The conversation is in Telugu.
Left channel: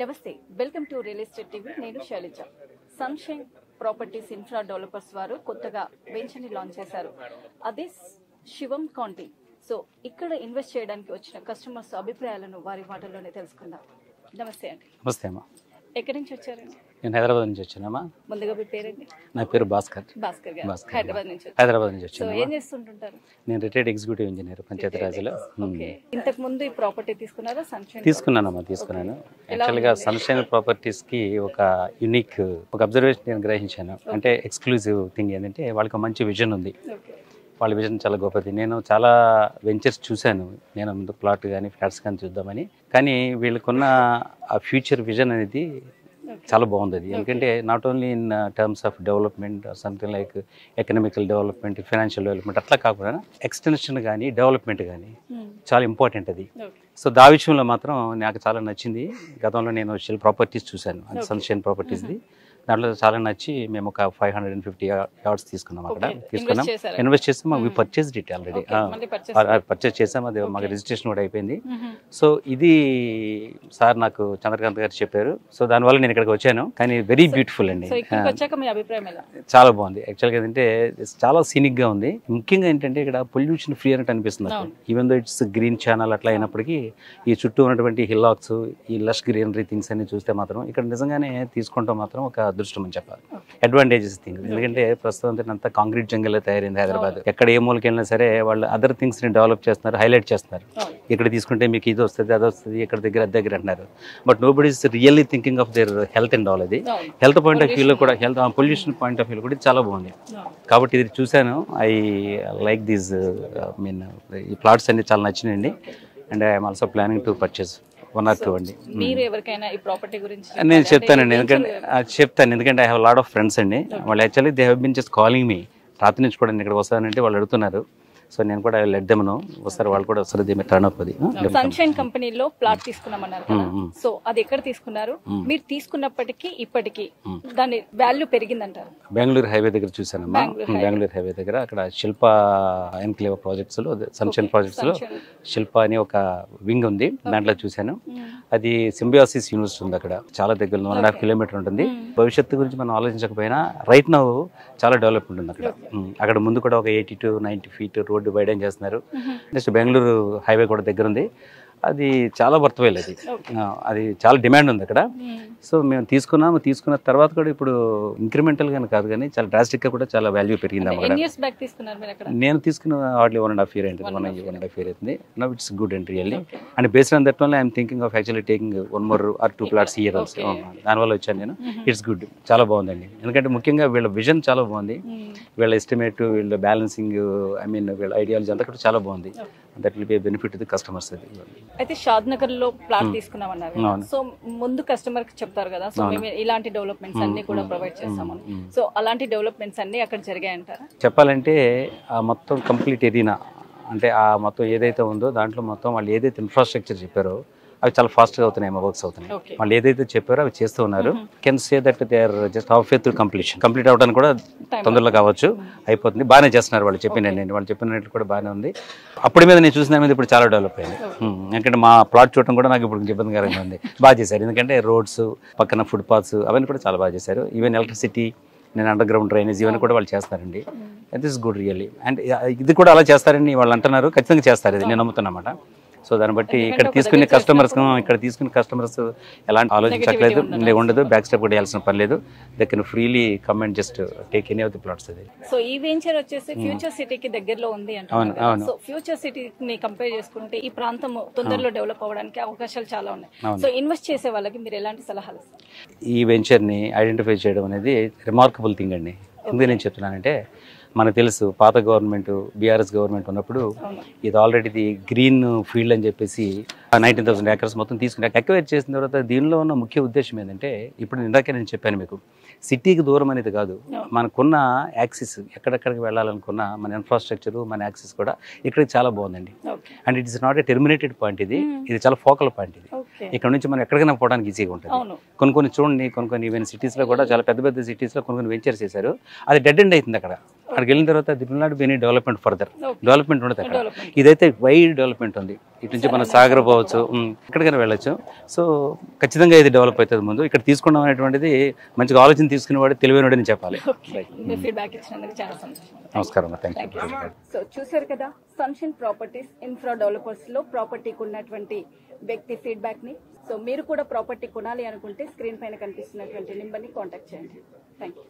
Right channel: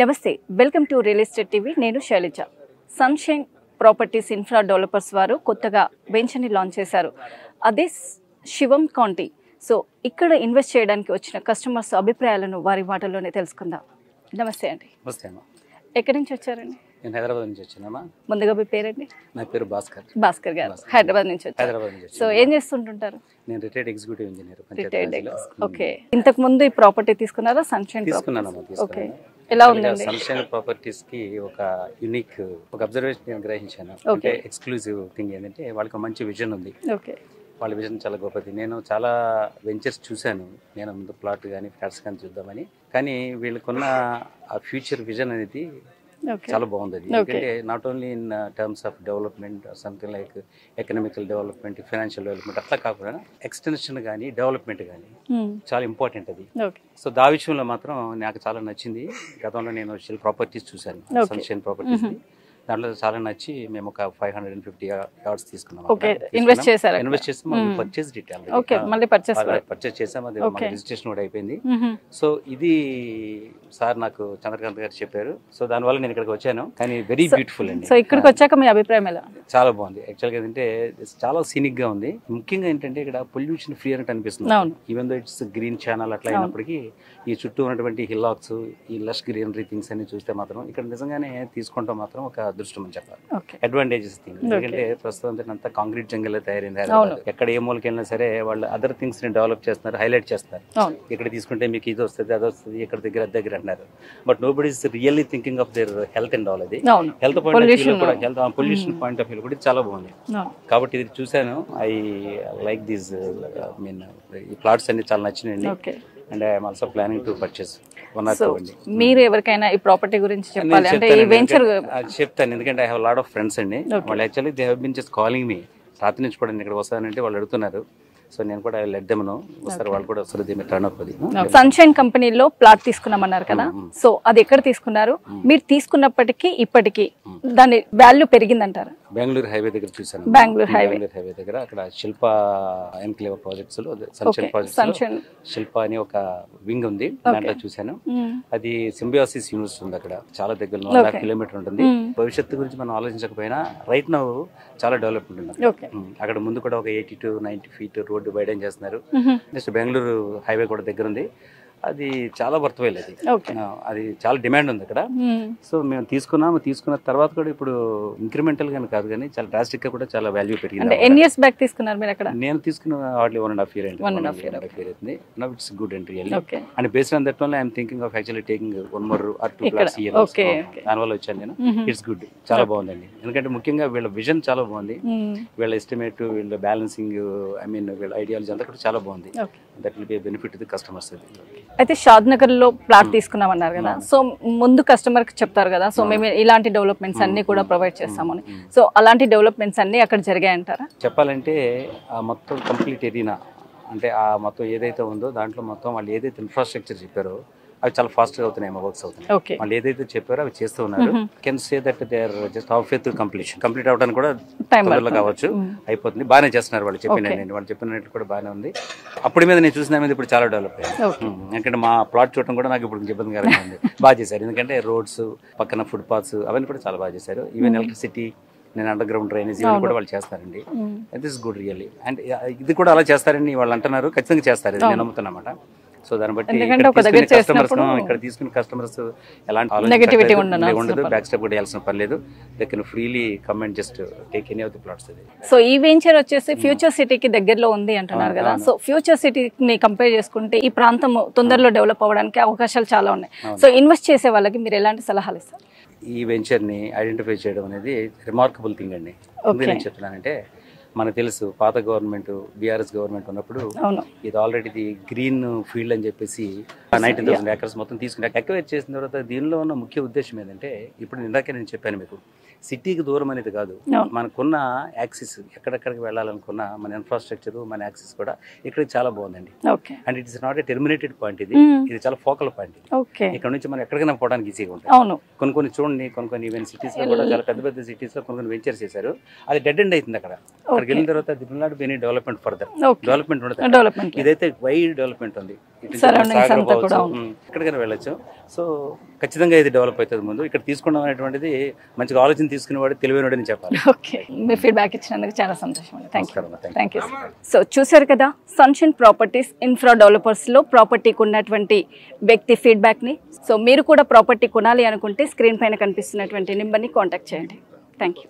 నమస్తే, welcome to real estate TV. నేను Shailaja. Sunshine properties infra developers వారు కొత్తగా వెంచర్ని లాంచ్ చేశారు. అదే శివం కౌంటీ. సో ఇక్కడ ఇన్వెస్ట్ చేయడానికి వచ్చిన కస్టమర్స్ అభిప్రాయాలను వారి మాటల్లోనే తెలుసుకుందాం. నమస్తే అండి. నమస్తే అమ్మా. ఎక్కడి నుంచి వచ్చారండి? నేను హైదరాబాద్ నుంచి వచ్చానమ్మా. ముందుగా మీ పేరండి? నా పేరు భాస్కర్. భాస్కర్ గారు హైదరాబాద్ నుంచి వచ్చారు. హైదరాబాద్ నుంచి వచ్చాను. సో ఏం చేస్తుంటుంటారు? నేను రిటైర్డ్ ఎగ్జిక్యూటివ్ ఇంజనీర్ పంచాయతీరాజ్లో. ఓకే. ఇంతకు ముందు ఈ ప్రాపర్టీ తీసుకున్నారా? సన్షైన్ తీసుకున్నానమ్మా, తీసుకున్నాను. ఎలా ఉంది? సన్షైన్ ప్రాపర్టీస్ కి ఒక యూనిక్ ఒక అబ్జర్వేషన్ నేను గ్రహించాను. అంటే ఎక్స్క్లూజివ్ థింగ్ ఏంటంటే వాళ్ళకి మంచి విజన్ ఉంది. ఓకే. వాళ్ళ విజన్ చాలా గొప్పది. నేను చాలా వెంచర్స్ చూశాను. నేను ముందు ప్లాట్ కానీ ఫ్లాట్స్ కానీ చూద్దామని. కానీ వీళ్ళకున్న ఆ ఫ్యూచర్ విజన్ అనేది చాలా బాగుంది. ఎందుకంటే not only in terms of development, something like economical development, financial development అట్లా కాకుండా ఎక్స్టెన్షన్ కానీ డెవలప్మెంట్ కానీ చాలా ఇంపార్టెంట్ అది. సో దా విషయంలో మాత్రం నాకు చాలా నచ్చింది. గతంలో నేను ప్రాపర్టీస్ చూశాను, సన్షైన్ ప్రాపర్టీస్. దాంట్లో చాలా నచ్చి మేము ఒక 550 యార్డ్స్ తీసుకున్నాం. ఇన్వెస్ట్ చేసాము. పర్చేస్ చేసాము. అది మాకు రిజిస్ట్రేషన్ కూడా అయిపోయింది. సో ఇది సార్ నాకు చంద్రకాంత్ గారు చెప్పారు. సో దానివల్ల నేను ఇక్కడికి వచ్చాను. కానీ వెరీ బ్యూటిఫుల్ అండి. సో ఇక్కడికి వచ్చాక మీ అభిప్రాయం ఎలా? చాలా బాగుంది. యాక్చువల్గా ఏంటంటే చాలా సీనిక్ గా ఉంది. ముఖ్యంగా ఏంటంటే ఇక్కడ పొల్యూషన్ ఫ్రీ అని అనిపిస్తుంది. Even though it's green channel అట్లా అయినప్పటికీ ఈ చుట్టూ ఉన్నటువంటి హిల్లాక్స్, ఈ లష్ గ్రీనరీ థింగ్స్ అన్ని చూస్తే మాత్రం ఇక్కడ నిజంగానే తీసుకుంటాం మాత్రం ఒక అదృష్టం అని చెప్పాలి. Advantages thing. ఎందుకంటే ప్రస్తుతం అంతా కాంక్రీట్ జంగల్ తయారైంది హైదరాబాద్. ఎక్కడ ఏ మూలకి వెళ్ళినా సరే వాళ్ళు అదర్ థింగ్స్ ని డెవలప్ చేస్తున్నారు, హైలైట్ చేస్తున్నారు. ఇక్కడ తీసుకుంటే మీకు ఇది వస్తుంది, అది వస్తుంది, ఇక్కడ దగ్గర అది దగ్గర అంటున్నారు. But nobody is really thinking of their health and all. అది హెల్త్ పాయింట్ ఆఫ్ వ్యూలో కూడా, హెల్త్ పొల్యూషన్ పాయింట్ ఆఫ్ వ్యూలో కూడా చాలా బాగుంది. కాబట్టి ఇది చూశాను. ఐ లైక్ దీస్ మీన్ ఈ ప్లాట్స్ అన్ని చాలా నచ్చినాయండి. And I'm also planning to purchase మీరు ఎవరికైనా ఈ ప్రాపర్టీ గురించి చెప్తాను. ఎందుకంటే I have lot of friends అండి. వాళ్ళు actually they have been just calling me. రాత్రి నుంచి కూడా ఇక్కడ వస్తానంటే వాళ్ళు అడుగుతున్నారు. సో నేను కూడా లెట్ దెమ్ నో. వస్తారు, వాళ్ళు కూడా వస్తారు. Turn up. అది సన్షైన్ కంపెనీలో ప్లాట్ తీసుకున్నామన్నారు కదా. సో అది ఎక్కడ తీసుకున్నారు? మీరు తీసుకున్నప్పటికీ ఇప్పటికీ దాని వాల్యూ పెరిగిందంటారు? బెంగళూరు హైవే దగ్గర చూసాను. బెంగళూరు హైవే దగ్గర అక్కడ శిల్ప ఎన్క్లేవ్ ప్రాజెక్ట్స్ లో, సన్షైన్ ప్రాజెక్ట్స్ లో శిల్ప అని ఒక వింగ్ ఉంది. దాంట్లో చూసాను. అది సింబియాసిస్ యూనివర్సిటీ ఉంది అక్కడ. చాలా దగ్గర 1.5 కిలోమీటర్ ఉంటుంది. భవిష్యత్తు గురించి మనం ఆలోచించకపోయినా రైట్ నౌ చాలా డెవలప్మెంట్ ఉంది అక్కడ. ముందు కూడా ఒక 80 to 90 feet రోడ్డు వైడెన్ చేస్తున్నారు. నెక్స్ట్ బెంగళూరు హైవే కూడా దగ్గర ఉంది. అది చాలా వర్త్వైల్. అది చాలా డిమాండ్ ఉంది అక్కడ. సో మేము తీసుకున్న తర్వాత కూడా ఇప్పుడు ఇంక్రిమెంటల్ గానీ కాదు కానీ చాలా డ్రాస్టిక్ గా కూడా చాలా వాల్యూ పెరిగింది. నేను తీసుకున్న హార్డ్లీ 1.5 year అవుతుంది. Now it's good and really. And based on that only I'm thinking of actually taking 1 more or 2 plots here. దానివల్ల వచ్చాను నేను. ఇట్స్ గుడ్, చాలా బాగుందండి. ఎందుకంటే ముఖ్యంగా వీళ్ళ విజన్ చాలా బాగుంది. వీళ్ళ ఎస్టిమేట్, వీళ్ళ బ్యాలెన్సింగ్, ఐ మీన్ వీళ్ళ ఐడియాలజీ అంతా కూడా చాలా బాగుంది. That will be benefit to the customers. అయితే షాద్ నగర్ లో ప్లాట్ తీసుకున్నామన్నారు కదా. సో ముందు కస్టమర్ కి చెప్తారు కదా, సో మేము ఇలాంటి డెవలప్మెంట్స్ అన్ని కూడా ప్రొవైడ్ చేస్తామని. సో అలాంటి డెవలప్మెంట్స్ అన్ని అక్కడ జరిగాయంటారా? చెప్పాలంటే ఆ మొత్తం కంప్లీట్ ఏరినా, అంటే ఆ మొత్తం ఏదైతే ఉందో దాంట్లో మొత్తం వాళ్ళు ఏదైతే ఇన్ఫ్రాస్ట్రక్చర్ చెప్పారో అవి చాలా ఫాస్ట్ గా అవుతున్నాయి, వర్క్స్ అవుతున్నాయి. వాళ్ళు ఏదైతే చెప్పారో అవి చేస్తూ ఉన్నారు. Can say that they are just half way through complete అవడానికి కూడా తొందరలో కావచ్చు, అయిపోతుంది. బాగానే చేస్తున్నారు వాళ్ళు చెప్పినట్టు కూడా బాగానే ఉంది. అప్పటి మీద నేను చూసిన మీద ఇప్పుడు చాలా డెవలప్ అయ్యింది. ఎందుకంటే మా ప్లాట్ చూడటం కూడా నాకు ఇప్పుడు ఇబ్బందికరంగా ఉంది. బాగా చేశారు. ఎందుకంటే రోడ్స్ పక్కన ఫుట్ పాత్స్ అవన్నీ కూడా చాలా బాగా చేశారు. ఈవెన్ ఎలక్ట్రిసిటీ, నేను అండర్ గ్రౌండ్ డ్రైనేజ్ ఇవన్నీ కూడా వాళ్ళు చేస్తారండి. This good really. అండ్ ఇది కూడా అలా చేస్తారని వాళ్ళు అంటున్నారు. ఖచ్చితంగా చేస్తారు, నేను నమ్ముతున్నమాట. సో దాన్ని బట్టి ఇక్కడ తీసుకునే కస్టమర్స్ ఎలాంటి ఆలోచన ఉండదు, బ్యాక్ స్టెప్ కూడా వేయాల్సిన పని లేదు. They can freely come and just take any of the plots. So ఈ వెంచర్ వచ్చేసి ఫ్యూచర్ సిటీకి దగ్గరలో ఉంది అంటున్నారు కదా. సో ఫ్యూచర్ సిటీని కంపేర్ చేసుకుంటే ఈ ప్రాంతం తొందరలో డెవలప్ అవ్వడానికి అవకాశాలు చాలా ఉన్నాయి. సో ఇన్వెస్ట్ చేసే వాళ్ళకి మీరు ఎలాంటి సలహాలు ఇస్తారు? ఈ వెంచర్ ని ఐడెంటిఫై చేయడం అనేది రిమార్కబుల్ థింగ్ అండి. నేను చెప్తున్నానంటే మనకు తెలుసు పాత గవర్నమెంట్, బీఆర్ఎస్ గవర్నమెంట్ ఉన్నప్పుడు ఇది ఆల్రెడీ గ్రీన్ ఫీల్డ్ అని చెప్పేసి 19,000 acres మొత్తం తీసుకుని అక్వైర్ చేసిన తర్వాత దీనిలో ఉన్న ముఖ్య ఉద్దేశం ఏంటంటే, ఇప్పుడు ఇందాకే నేను చెప్పాను మీకు, సిటీకి దూరం అనేది కాదు, మనకున్న యాక్సిస్ ఎక్కడెక్కడికి వెళ్ళాలనుకున్న మన ఇన్ఫ్రాస్ట్రక్చర్, మన యాక్సిస్ కూడా ఇక్కడికి చాలా బాగుందండి. And it is not a terminated point, ఇది చాలా ఫోకల్ పాయింట్. ఇక్కడ నుంచి మనం ఎక్కడికైనా పోవడానికి ఈజీగా ఉంటుంది. కొన్ని చూడండి, కొన్ని ఈవెన్ సిటీస్ లో కూడా చాలా పెద్ద సిటీస్ లో కొన్ని వెంచర్స్ చేశారు, అది డెడ్ ఎండ్ అవుతుంది. అక్కడికి వెళ్ళిన తర్వాత it will not be any development further, development ఉండదు. ఇదైతే వైడ్ డెవలప్మెంట్ ఉంది. ఇటు నుంచి మన సాగర్ పోవచ్చు, ఎక్కడికైనా వెళ్ళొచ్చు. సో ఖచ్చితంగా ఇది డెవలప్ అవుతుంది. ముందు ఇక్కడ తీసుకోవడం అనేటువంటిది మంచిగా ఆలోచన తీసుకునేవాడు తెలివైనడని చెప్పాలి. ఓకే, మీ ఫీడ్బ్యాక్ ఇచ్చినందుకు చాలా సంతోషం. నమస్కారం. Thank you. సో చూసారు కదా, సన్షైన్ ప్రాపర్టీస్ ఇన్ఫ్రా డెవలపర్స్లో ప్రాపర్టీకి ఉన్నటువంటి వ్యక్తి ఫీడ్బ్యాక్ని. సో మీరు కూడా ప్రాపర్టీ కొనాలి అనుకుంటే స్క్రీన్ పైన కనిపిస్తున్నటువంటి నెంబర్ని కాంటాక్ట్ చేయండి. Thank you.